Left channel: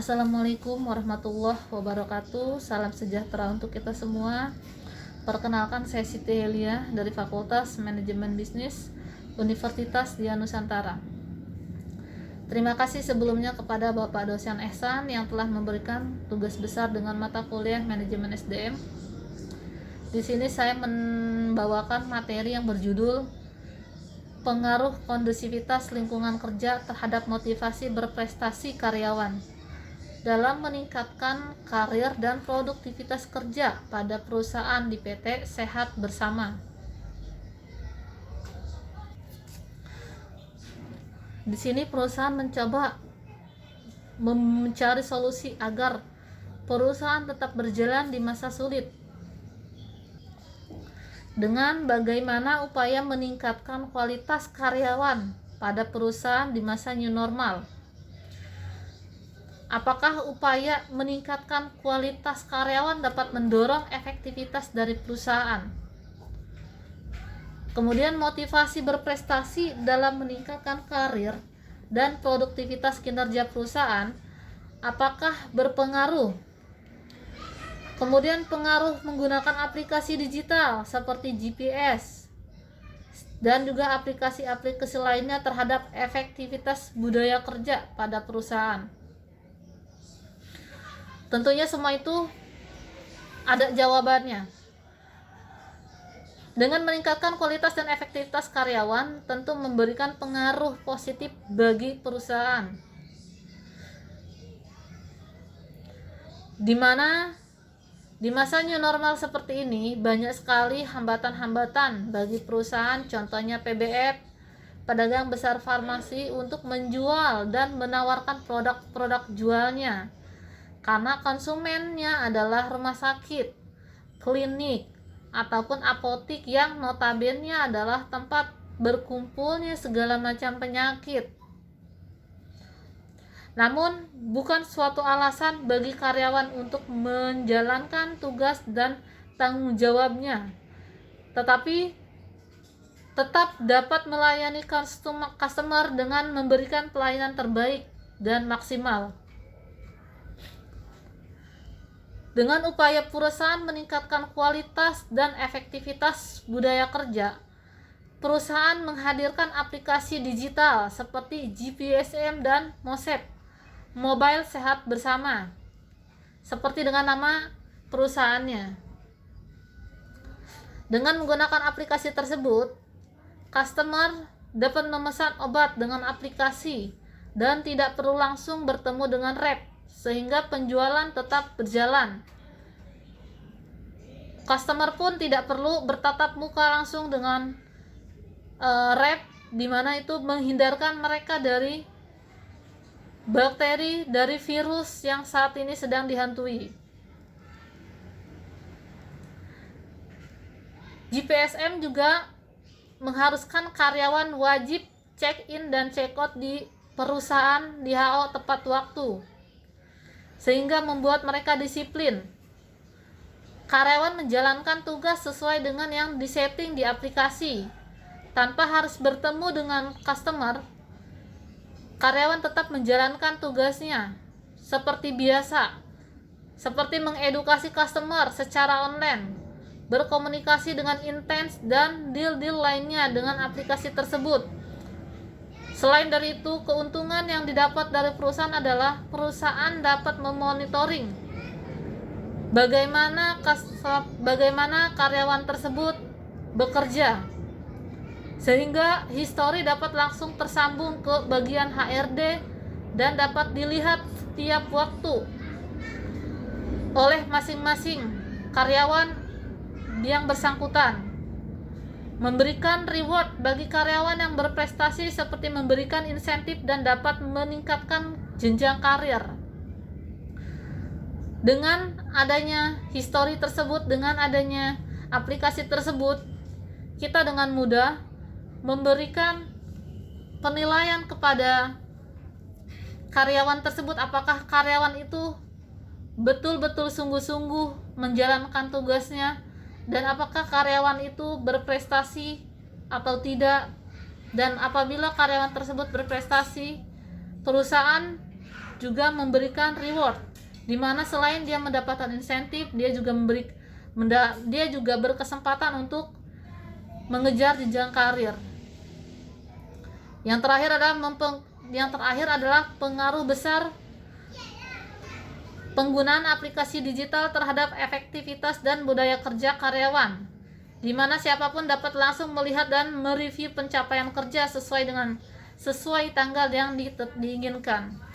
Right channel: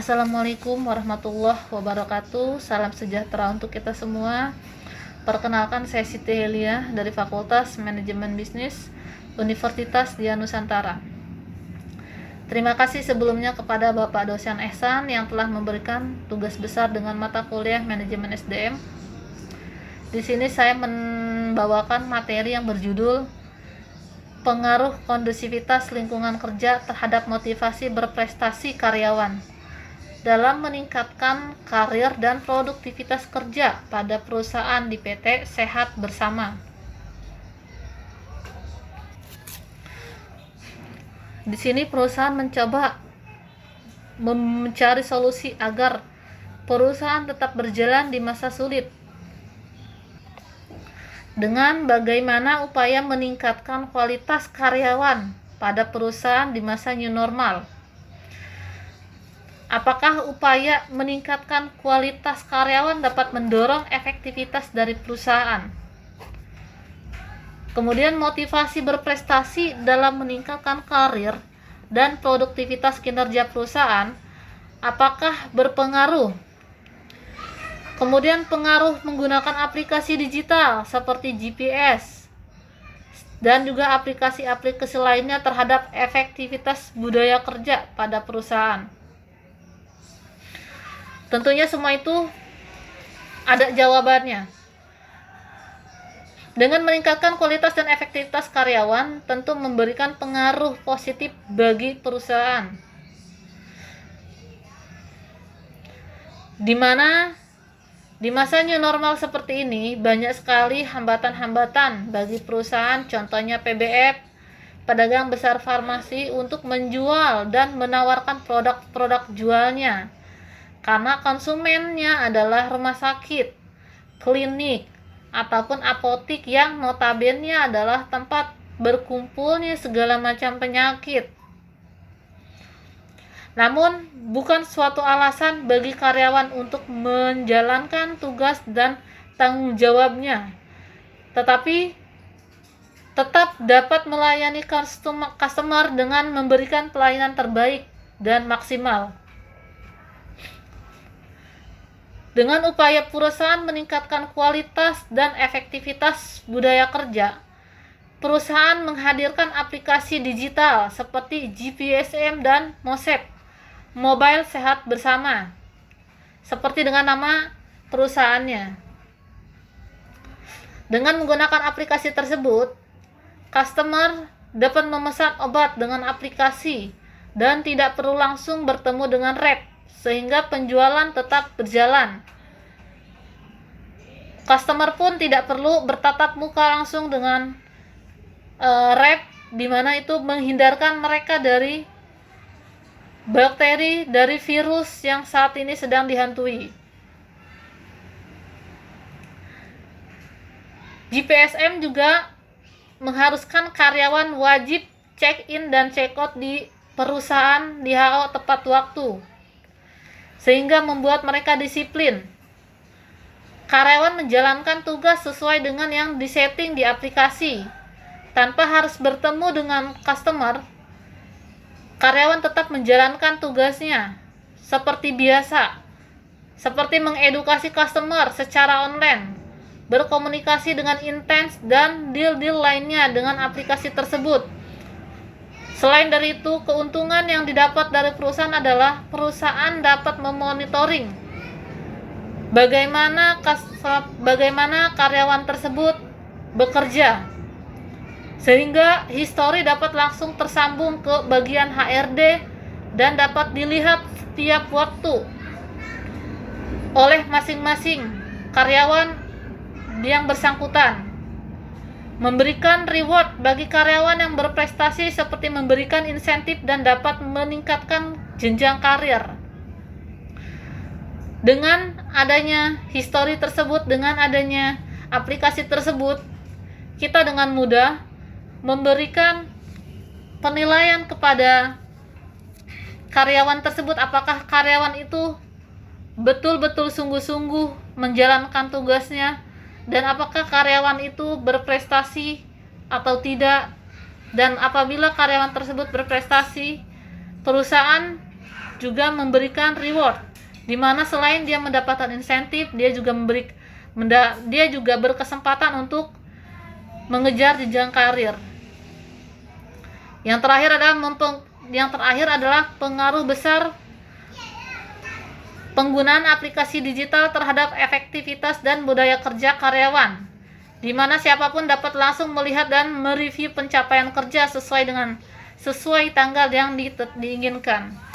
Assalamualaikum warahmatullahi wabarakatuh. Salam sejahtera untuk kita semua. Perkenalkan, saya Siti Helia dari Fakultas Manajemen Bisnis Universitas Dian Nusantara. Terima kasih sebelumnya kepada Bapak Dosen Ehsan yang telah memberikan tugas besar dengan mata kuliah Manajemen SDM. Di sini saya membawakan materi yang berjudul Pengaruh kondusivitas lingkungan kerja terhadap motivasi berprestasi karyawan dalam meningkatkan karir dan produktivitas kerja pada perusahaan di PT Sehat Bersama. Di sini perusahaan mencoba mencari solusi agar perusahaan tetap berjalan di masa sulit dengan bagaimana upaya meningkatkan kualitas karyawan pada perusahaan di masa new normal. Apakah upaya meningkatkan kualitas karyawan dapat mendorong efektivitas dari perusahaan? Kemudian motivasi berprestasi dalam meningkatkan karir dan produktivitas kinerja perusahaan, apakah berpengaruh? Kemudian pengaruh menggunakan aplikasi digital seperti GPS dan juga aplikasi-aplikasi lainnya terhadap efektivitas budaya kerja pada perusahaan. Tentunya semua itu ada jawabannya. Dengan meningkatkan kualitas dan efektivitas karyawan, tentu memberikan pengaruh positif bagi perusahaan. Di mana di masa new normal seperti ini, banyak sekali hambatan-hambatan bagi perusahaan, contohnya PBF, pedagang besar farmasi, untuk menjual dan menawarkan produk-produk jualnya. Karena konsumennya adalah rumah sakit, klinik, ataupun apotik yang notabene adalah tempat berkumpulnya segala macam penyakit. Namun, bukan suatu alasan bagi karyawan untuk menjalankan tugas dan tanggung jawabnya, tetapi tetap dapat melayani customer dengan memberikan pelayanan terbaik dan maksimal. Dengan upaya perusahaan meningkatkan kualitas dan efektivitas budaya kerja, perusahaan menghadirkan aplikasi digital seperti GPSM dan MOSEP, Mobile Sehat Bersama, seperti dengan nama perusahaannya. Dengan menggunakan aplikasi tersebut, customer dapat memesan obat dengan aplikasi dan tidak perlu langsung bertemu dengan rep, sehingga penjualan tetap berjalan. Customer pun tidak perlu bertatap muka langsung dengan rep, di mana itu menghindarkan mereka dari bakteri, dari virus yang saat ini sedang dihantui. GPSM juga mengharuskan karyawan wajib check-in dan check-out di perusahaan WHO tepat waktu, sehingga membuat mereka disiplin. Karyawan menjalankan tugas sesuai dengan yang disetting di aplikasi. Tanpa harus bertemu dengan customer, karyawan tetap menjalankan tugasnya seperti biasa, seperti mengedukasi customer secara online, berkomunikasi dengan intens, dan deal-deal lainnya dengan aplikasi tersebut. Selain dari itu, keuntungan yang didapat dari perusahaan adalah perusahaan dapat memonitoring bagaimana karyawan tersebut bekerja, sehingga histori dapat langsung tersambung ke bagian HRD dan dapat dilihat setiap waktu oleh masing-masing karyawan yang bersangkutan. Memberikan reward bagi karyawan yang berprestasi seperti memberikan insentif dan dapat meningkatkan jenjang karir. Dengan adanya histori tersebut, dengan adanya aplikasi tersebut, kita dengan mudah memberikan penilaian kepada karyawan tersebut, apakah karyawan itu betul-betul sungguh-sungguh menjalankan tugasnya, dan apakah karyawan itu berprestasi atau tidak. Dan apabila karyawan tersebut berprestasi, perusahaan juga memberikan reward, di mana selain dia mendapatkan insentif, dia juga berkesempatan untuk mengejar jenjang karir. Yang terakhir adalah pengaruh besar penggunaan aplikasi digital terhadap efektivitas dan budaya kerja karyawan, di mana siapapun dapat langsung melihat dan mereview pencapaian kerja sesuai tanggal yang diinginkan.